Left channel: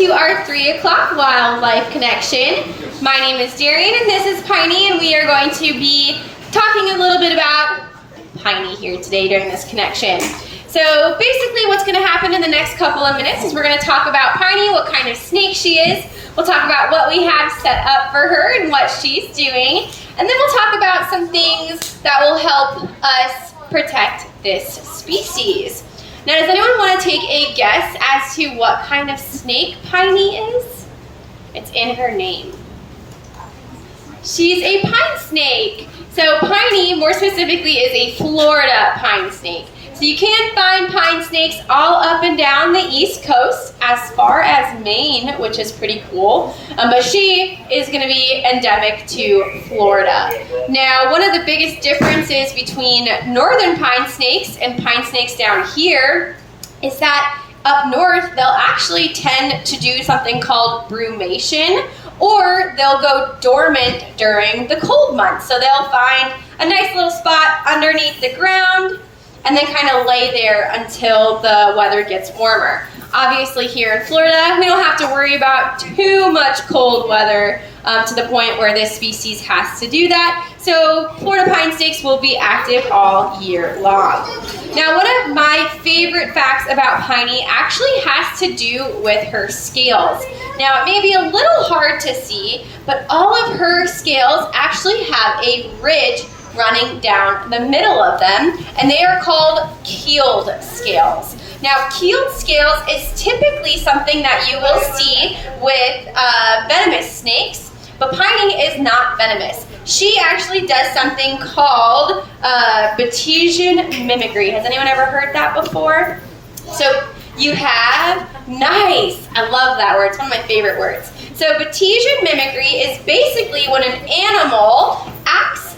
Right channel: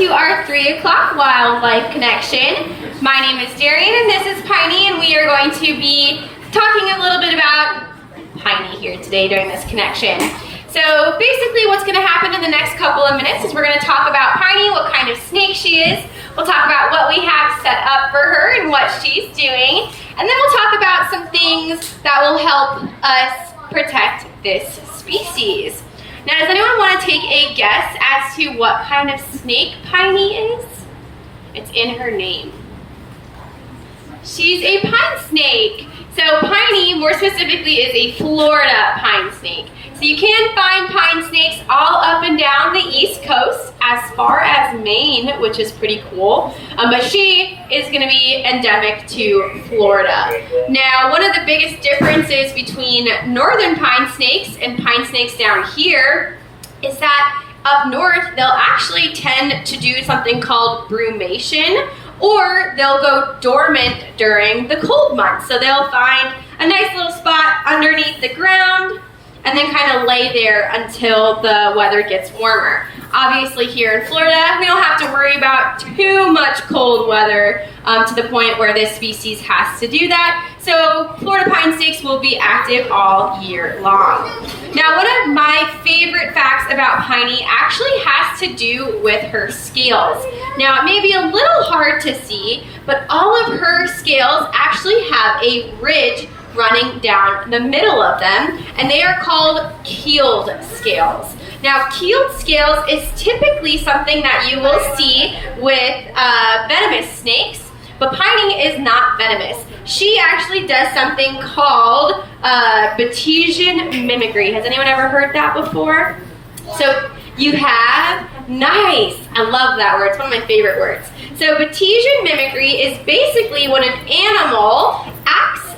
to our 3 o'clock wildlife connection. My name is Darien and this is Piney, and we are going to be talking a little bit about Piney here today during this connection. So basically what's going to happen in the next couple of minutes is we're going to talk about Piney, what kind of snake she is. We'll talk about what we have set up for her and what she's doing. And then we'll talk about some things that will help us protect this species. Now, does anyone want to take a guess as to what kind of snake Piney is? It's in her name. She's a pine snake. So Piney, more specifically, is a Florida pine snake. So you can find pine snakes all up and down the East Coast, as far as Maine, which is pretty cool. But she is going to be endemic to Florida. Now, one of the biggest differences between northern pine snakes and pine snakes down here is that up north, they'll actually tend to do something called brumation, or they'll go dormant during the cold months. So they'll find a nice little spot underneath the ground and then kind of lay there until the weather gets warmer. Obviously here in Florida, we don't have to worry about too much cold weather to the point where this species has to do that. So Florida pine snakes will be active all year long. Now, one of my favorite facts about Piney actually has to do with her scales. Now, it may be a little hard to see, but all of her scales actually have a ridge running down the middle of them, and they are called keeled scales. Now, keeled scales is typically something that you will see with venomous snakes, but Piney is not venomous. She actually does something called Batesian mimicry. Has anyone ever heard that before? So you have, nice, I love that word, it's one of my favorite words. So Batesian mimicry is basically when an animal acts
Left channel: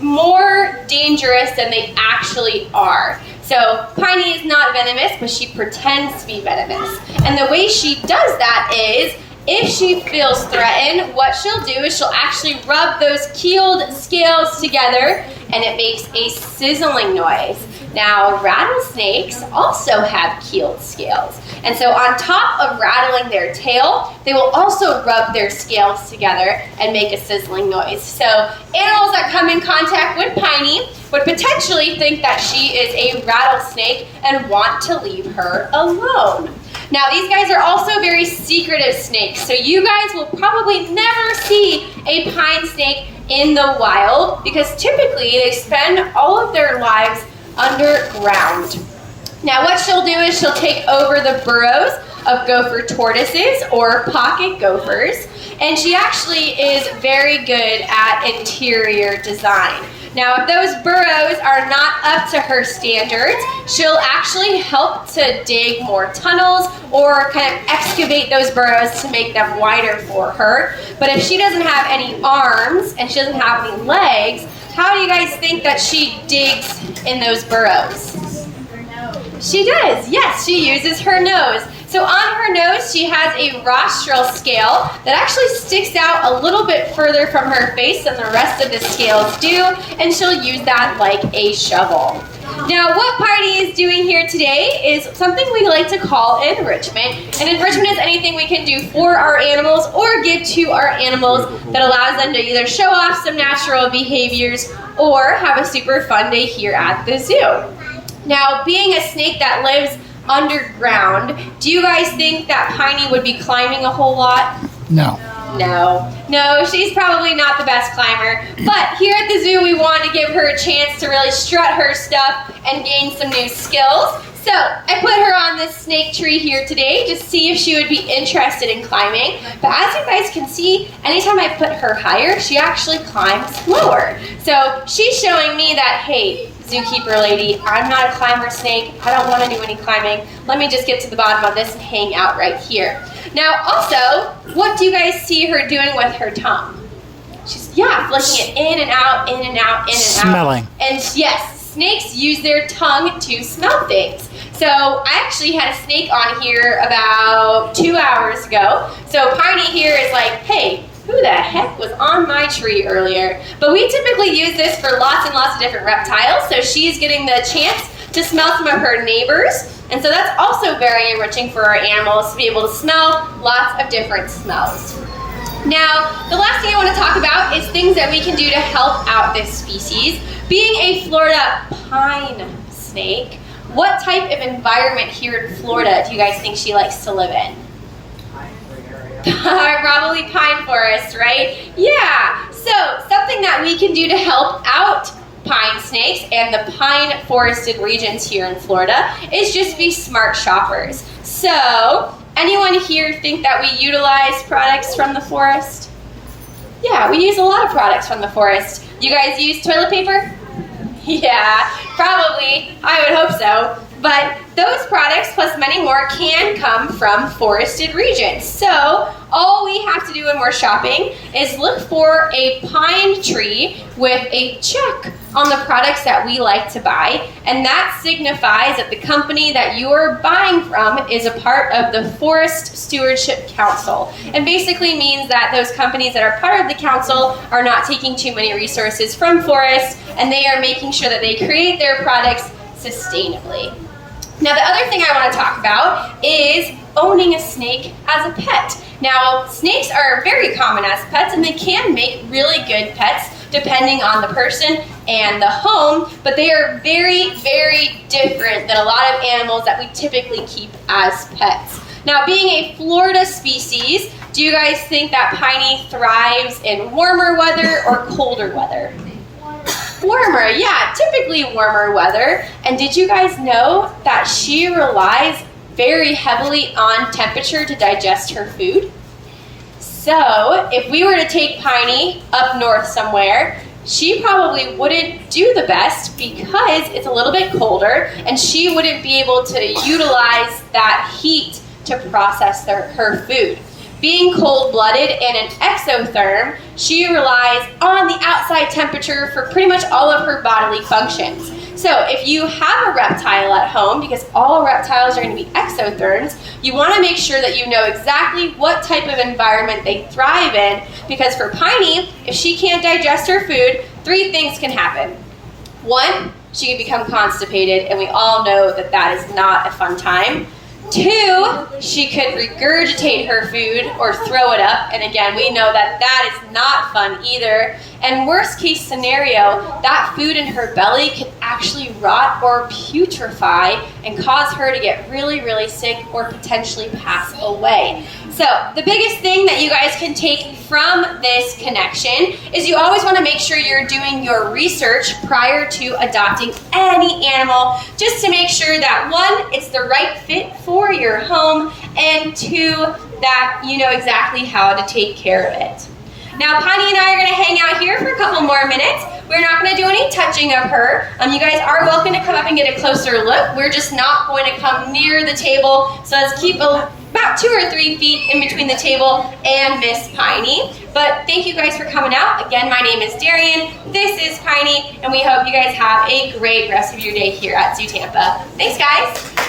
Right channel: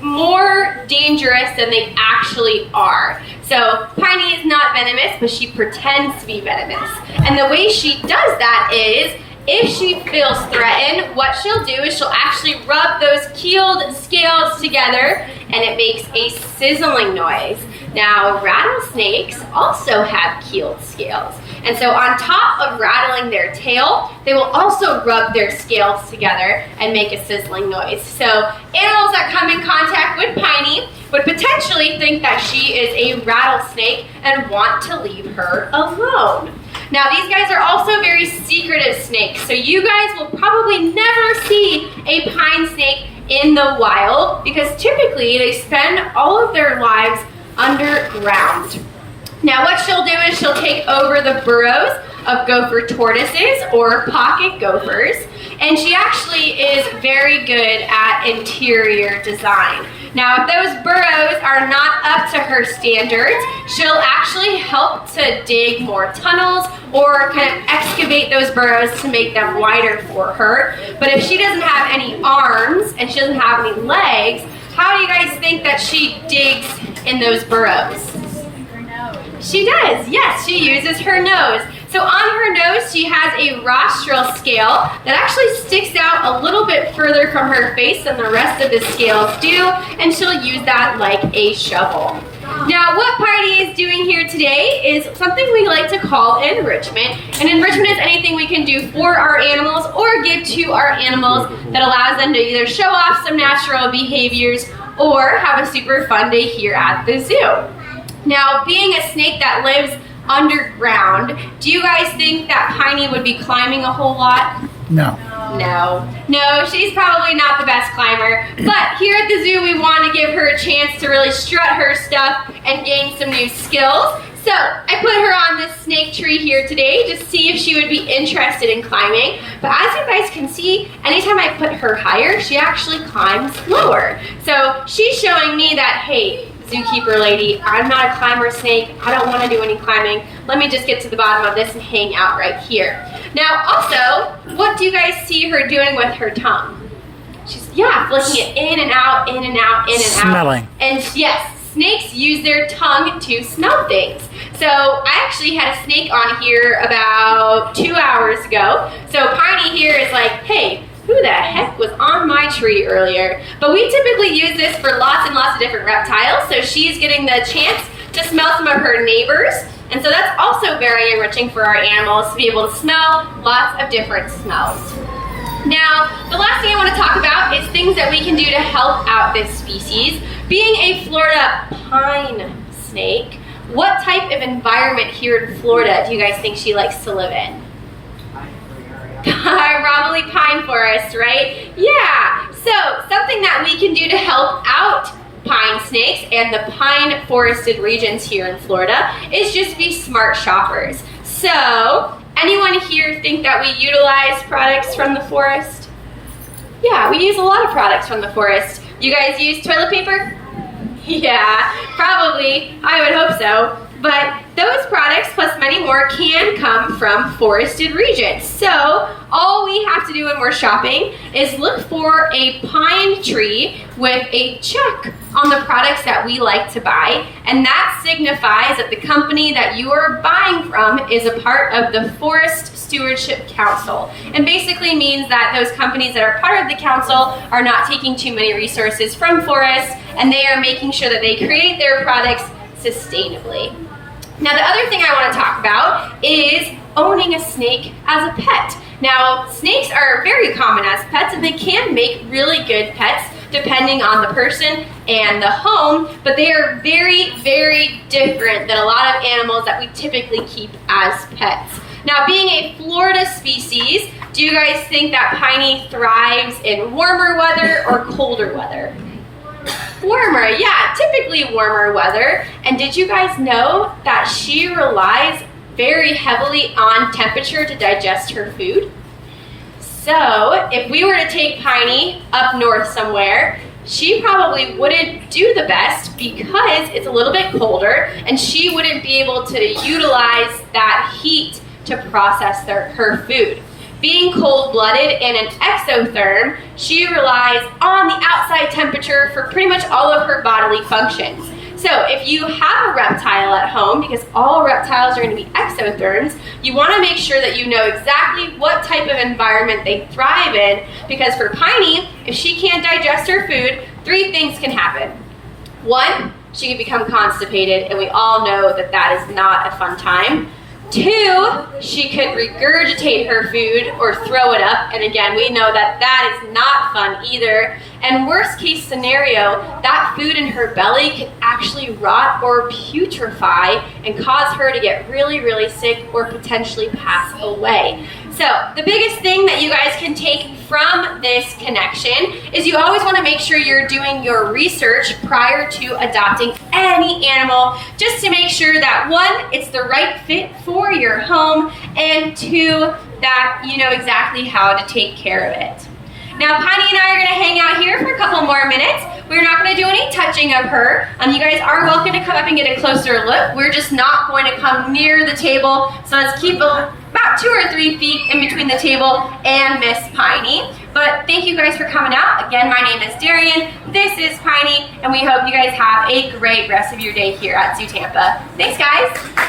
more dangerous than they actually are. So Piney is not venomous, but she pretends to be venomous. And the way she does that is, if she feels threatened, what she'll do is she'll actually rub those keeled scales together and it makes a sizzling noise. Now, rattlesnakes also have keeled scales. And so on top of rattling their tail, they will also rub their scales together and make a sizzling noise. So animals that come in contact with Piney would potentially think that she is a rattlesnake and want to leave her alone. Now, these guys are also very secretive snakes, so you guys will probably never see a pine snake in the wild because typically they spend all of their lives underground. Now, what she'll do is she'll take over the burrows of gopher tortoises or pocket gophers, and she actually is very good at interior design. Now, if those burrows are not up to her standards, she'll actually help to dig more tunnels or kind of excavate those burrows to make them wider for her. But if she doesn't have any arms and she doesn't have any legs, how do you guys think that she digs in those burrows? Her nose. She does, yes, she uses her nose. So on her nose, she has a rostral scale that actually sticks out a little bit further from her face than the rest of the scales do, and she'll use that like a shovel. Now, what Piney is doing here today is something we like to call enrichment. And enrichment is anything we can do for our animals or give to our animals that allows them to either show off some natural behaviors or have a super fun day here at the zoo. Now, being a snake that lives underground, do you guys think that Piney would be climbing a whole lot? No. No, she's probably not the best climber, but here at the zoo we want to give her a chance to really strut her stuff and gain some new skills. So I put her on this snake tree here today to see if she would be interested in climbing, but as you guys can see, anytime I put her higher, she actually climbs lower. So she's showing me that, hey, zookeeper lady, I'm not a climber snake, I don't want to do any climbing, let me just get to the bottom of this and hang out right here. Now also, what do you guys see her doing with her tongue? She's, flicking it in and out, in and out, in and out. Smelling. And yes, snakes use their tongue to smell things. So I actually had a snake on here about 2 hours ago. So Piney here is like, hey, who the heck was on my tree earlier? But we typically use this for lots and lots of different reptiles. So she's getting the chance to smell some of her neighbors. And so that's also very enriching for our animals to be able to smell lots of different smells. Now, the last thing I want to talk about is things that we can do to help out this species. Being a Florida pine snake, what type of environment here in Florida do you guys think she likes to live in? Probably pine forest, right? Yeah, so something that we can do to help out pine snakes and the pine forested regions here in Florida is just be smart shoppers. So, anyone here think that we utilize products from the forest? Yeah, we use a lot of products from the forest. You guys use toilet paper? Yeah, probably. I would hope so. But those products, plus many more, can come from forested regions. So all we have to do when we're shopping is look for a pine tree with a check on the products that we like to buy, and that signifies that the company that you are buying from is a part of the Forest Stewardship Council, and basically means that those companies that are part of the council are not taking too many resources from forests, and they are making sure that they create their products sustainably. Now, the other thing I want to talk about is owning a snake as a pet. Now, snakes are very common as pets, and they can make really good pets depending on the person and the home, but they are very, very different than a lot of animals that we typically keep as pets. Now, being a Florida species, do you guys think that Piney thrives in warmer weather or colder weather? Warmer, yeah, typically warmer weather. And did you guys know that she relies very heavily on temperature to digest her food? So if we were to take Piney up north somewhere, she probably wouldn't do the best because it's a little bit colder and she wouldn't be able to utilize that heat to process her food. Being cold-blooded and an exotherm, she relies on the outside temperature for pretty much all of her bodily functions. So if you have a reptile at home, because all reptiles are going to be exotherms, you want to make sure that you know exactly what type of environment they thrive in, because for Piney, if she can't digest her food, 3 things can happen. 1, she can become constipated, and we all know that that is not a fun time. 2, she could regurgitate her food or throw it up, and again, we know that that is not fun either. And worst case scenario, that food in her belly could actually rot or putrefy and cause her to get really, really sick or potentially pass away. So the biggest thing that you guys can take from this connection is you always want to make sure you're doing your research prior to adopting any animal, just to make sure that 1, it's the right fit for your home, and 2, that you know exactly how to take care of it. Now, Piney and I are going to hang out here for a couple more minutes. We're not going to do any touching of her. You guys are welcome to come up and get a closer look. We're just not going to come near the table, so let's keep about 2 or 3 feet in between the table and Miss Piney. But thank you guys for coming out. Again, my name is Darien. This is Piney, and we hope you guys have a great rest of your day here at Zoo Tampa. Thanks, guys.